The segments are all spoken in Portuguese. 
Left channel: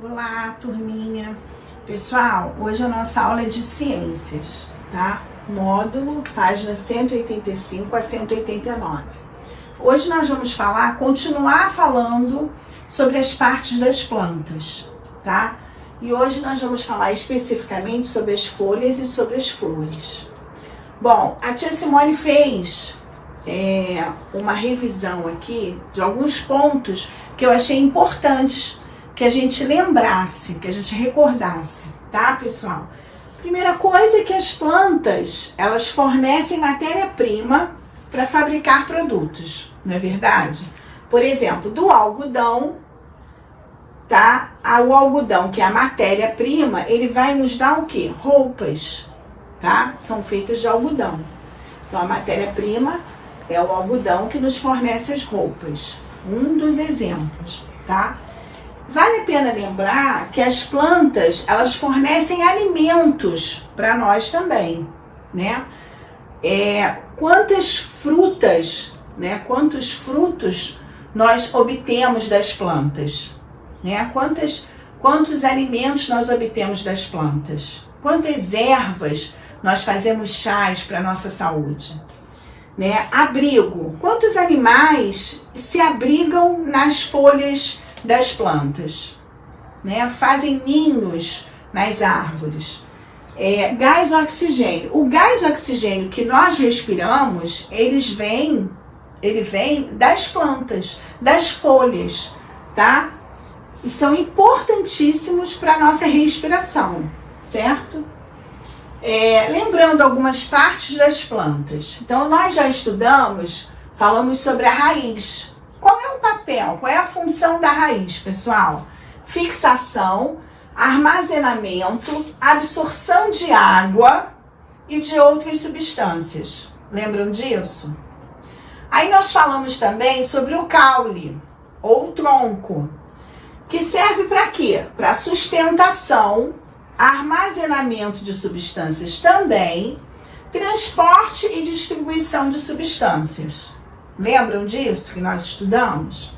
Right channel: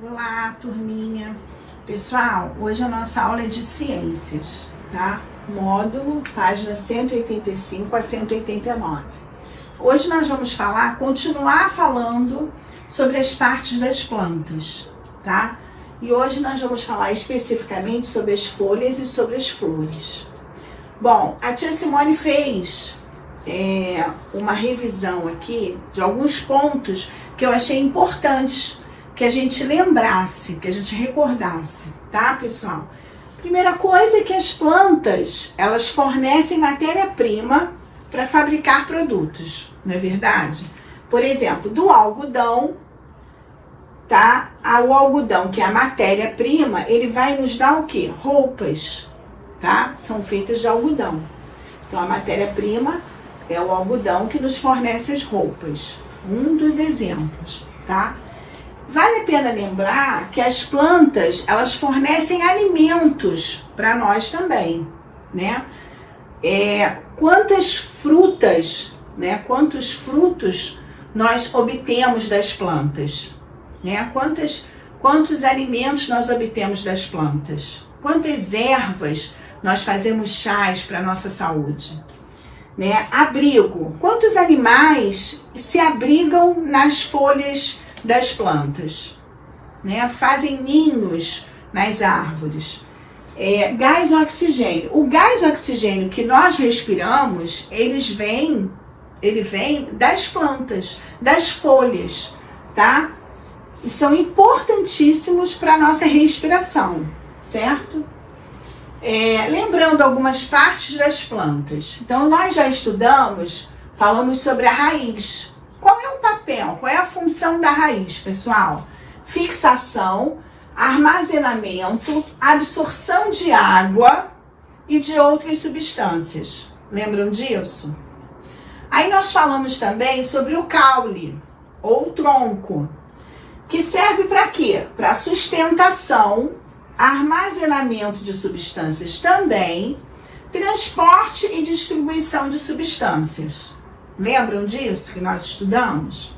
Olá, turminha. Pessoal, hoje a nossa aula é de ciências, tá? Módulo, página 185 a 189. Hoje nós vamos continuar falando sobre as partes das plantas, tá? E hoje nós vamos falar especificamente sobre as folhas e sobre as flores. Bom, a tia Simone fez uma revisão aqui de alguns pontos que eu achei importantes que a gente lembrasse, que a gente recordasse, tá, pessoal? Primeira coisa é que as plantas, elas fornecem matéria-prima para fabricar produtos, não é verdade? Por exemplo, do algodão, tá? O algodão, que é a matéria-prima, ele vai nos dar o quê? Roupas, tá? São feitas de algodão. Então, a matéria-prima é o algodão que nos fornece as roupas. Um dos exemplos, tá? Vale a pena lembrar que as plantas, elas fornecem alimentos para nós também, né? Quantas frutas, né? Quantos frutos nós obtemos das plantas, né? Quantos alimentos nós obtemos das plantas? Quantas ervas nós fazemos chás para nossa saúde? Né? Abrigo. Quantos animais se abrigam nas folhas das plantas, né? Fazem ninhos nas árvores. Gás oxigênio. O gás oxigênio que nós respiramos, ele vem das plantas, das folhas, tá? E são importantíssimos para a nossa respiração, certo? Lembrando algumas partes das plantas. Então, nós já falamos sobre a raiz. Qual é o papel, qual é a função da raiz, pessoal? Fixação, armazenamento, absorção de água e de outras substâncias. Lembram disso? Aí nós falamos também sobre o caule, ou tronco, que serve para quê? Para sustentação, armazenamento de substâncias também, transporte e distribuição de substâncias. Lembram disso que nós estudamos?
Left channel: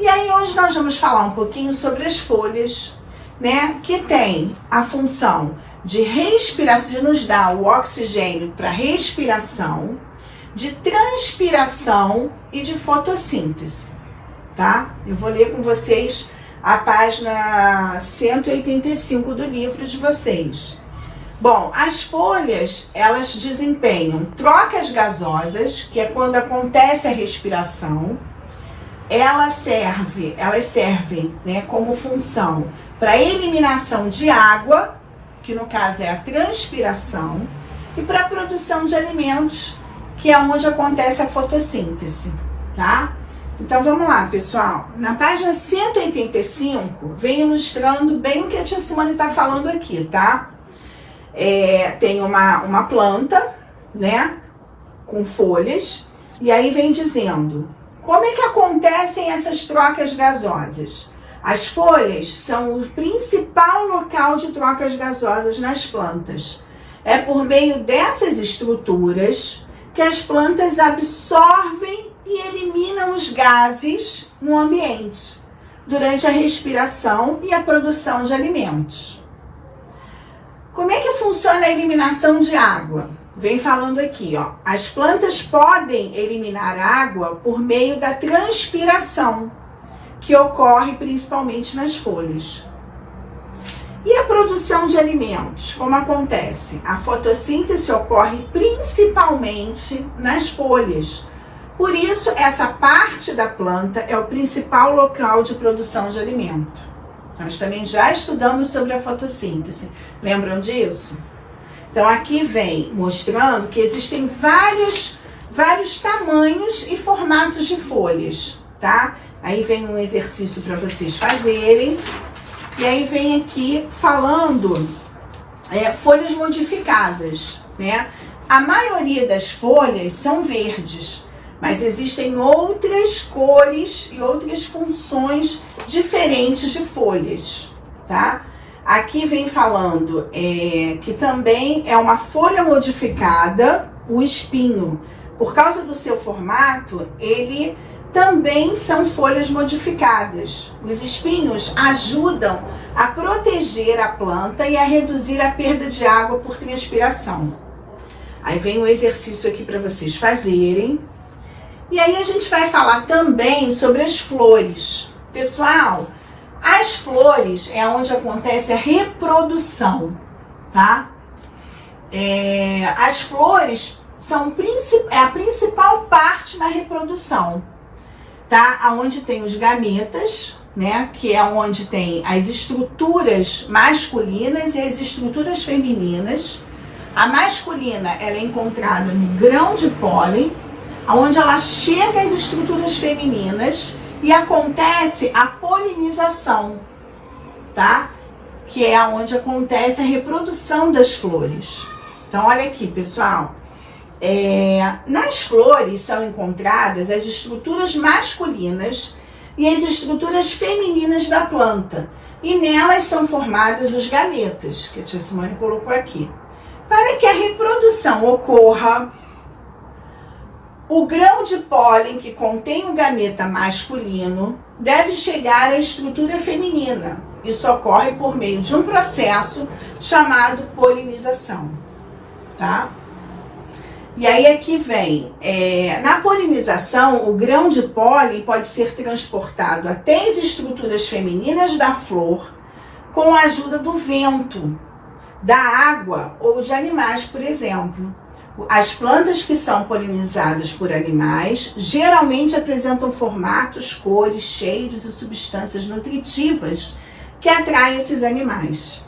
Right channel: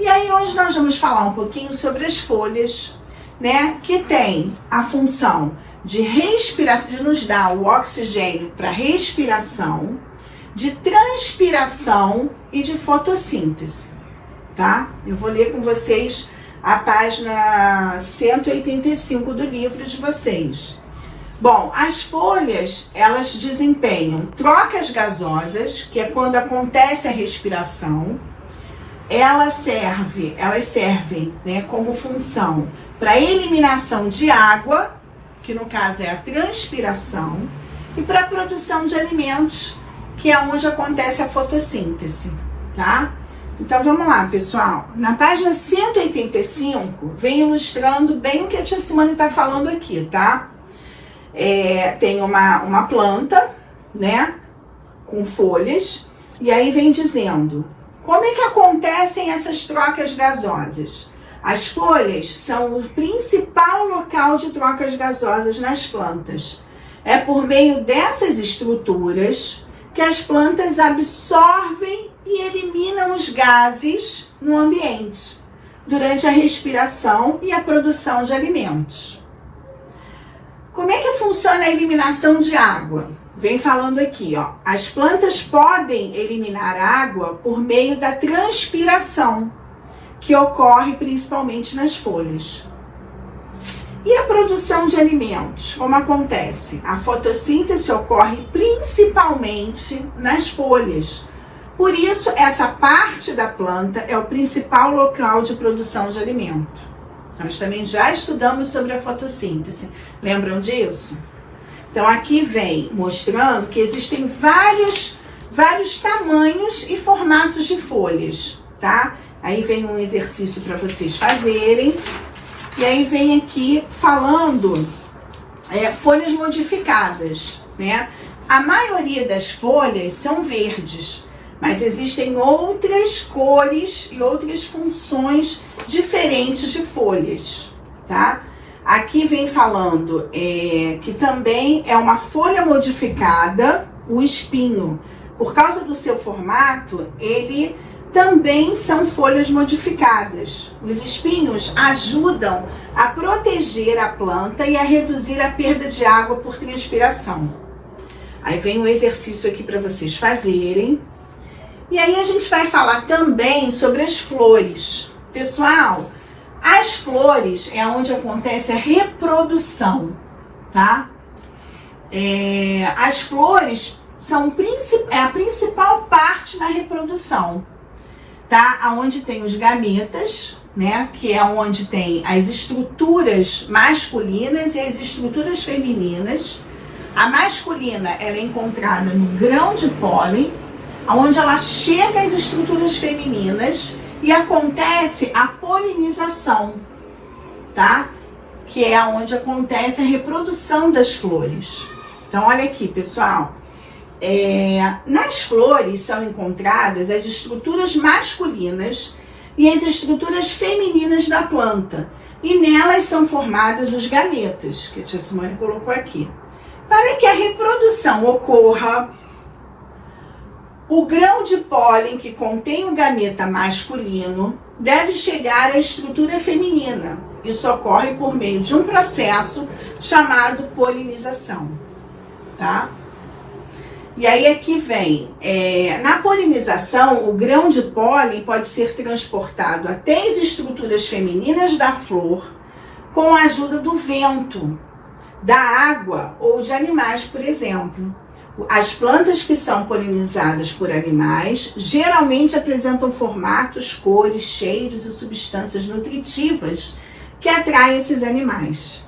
E aí hoje nós vamos falar um pouquinho sobre as folhas, né? Que tem a função de respiração, de nos dar o oxigênio para respiração, de transpiração e de fotossíntese, tá? Eu vou ler com vocês a página 185 do livro de vocês. Bom, as folhas, elas desempenham trocas gasosas, que é quando acontece a respiração. Elas servem, né, como função para eliminação de água, que no caso é a transpiração, e para a produção de alimentos, que é onde acontece a fotossíntese, tá? Então, vamos lá, pessoal. Na página 185, vem ilustrando bem o que a tia Simone está falando aqui, tá? Tem uma planta, né, com folhas, e aí vem dizendo como é que acontecem essas trocas gasosas. As folhas são o principal local de trocas gasosas nas plantas. É por meio dessas estruturas que as plantas absorvem e eliminam os gases no ambiente durante a respiração e a produção de alimentos. Como é que funciona a eliminação de água? Vem falando aqui, ó. As plantas podem eliminar água por meio da transpiração, que ocorre principalmente nas folhas. E a produção de alimentos? Como acontece? A fotossíntese ocorre principalmente nas folhas. Por isso, essa parte da planta é o principal local de produção de alimento. Nós também já estudamos sobre a fotossíntese. Lembram disso? Então, aqui vem mostrando que existem vários tamanhos e formatos de folhas, tá? Aí vem um exercício para vocês fazerem. E aí vem aqui falando folhas modificadas, né? A maioria das folhas são verdes, mas existem outras cores e outras funções diferentes de folhas, tá? Aqui vem falando que também é uma folha modificada, o espinho. Por causa do seu formato, ele também são folhas modificadas. Os espinhos ajudam a proteger a planta e a reduzir a perda de água por transpiração. Aí vem um exercício aqui para vocês fazerem. E aí a gente vai falar também sobre as flores. Pessoal, as flores é onde acontece a reprodução, tá? As flores são a principal parte da reprodução, tá? Onde tem os gametas, né? Que é onde tem as estruturas masculinas e as estruturas femininas. A masculina, ela é encontrada no grão de pólen, onde ela chega às estruturas femininas e acontece a polinização, tá? Que é onde acontece a reprodução das flores. Então, olha aqui, pessoal. Nas flores são encontradas as estruturas masculinas e as estruturas femininas da planta. E nelas são formados os gametas, que a tia Simone colocou aqui. Para que a reprodução ocorra, o grão de pólen que contém o gameta masculino deve chegar à estrutura feminina. Isso ocorre por meio de um processo chamado polinização, tá? E aí aqui vem, na polinização, o grão de pólen pode ser transportado até as estruturas femininas da flor com a ajuda do vento, da água ou de animais, por exemplo. As plantas que são polinizadas por animais geralmente apresentam formatos, cores, cheiros e substâncias nutritivas que atraem esses animais.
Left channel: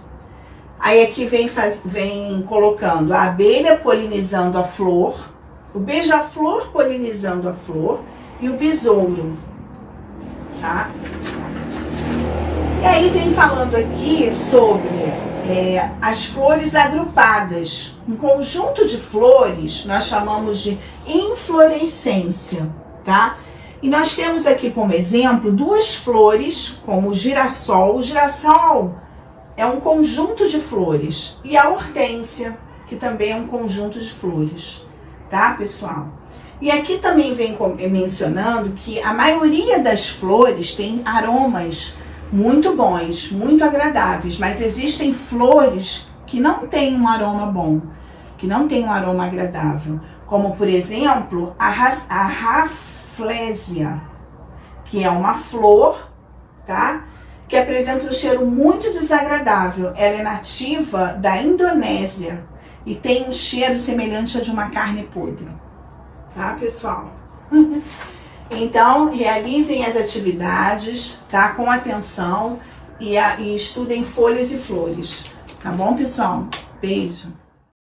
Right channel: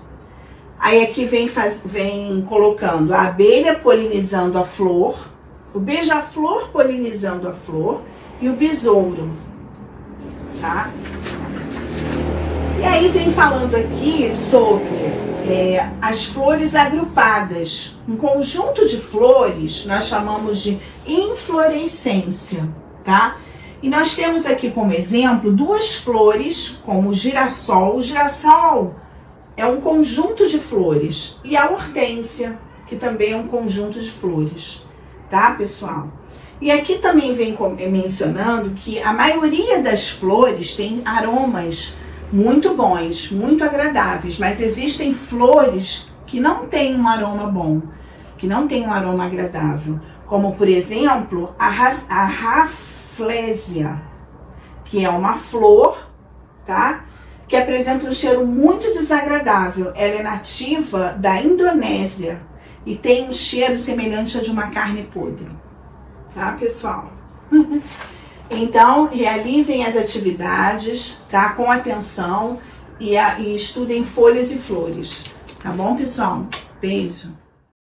Aí aqui vem colocando a abelha polinizando a flor, o beija-flor polinizando a flor e o besouro, tá? E aí vem falando aqui sobre as flores agrupadas. Um conjunto de flores nós chamamos de inflorescência, tá? E nós temos aqui como exemplo duas flores, como o girassol. O girassol é um conjunto de flores. E a hortênsia, que também é um conjunto de flores, tá, pessoal? E aqui também vem mencionando que a maioria das flores tem aromas muito bons, muito agradáveis, mas existem flores que não têm um aroma bom, que não têm um aroma agradável, como por exemplo a Rafflesia, que é uma flor, tá? Que apresenta um cheiro muito desagradável. Ela é nativa da Indonésia e tem um cheiro semelhante a de uma carne podre, tá, pessoal? Então, realizem as atividades, tá? Com atenção e estudem folhas e flores. Tá bom, pessoal? Beijo!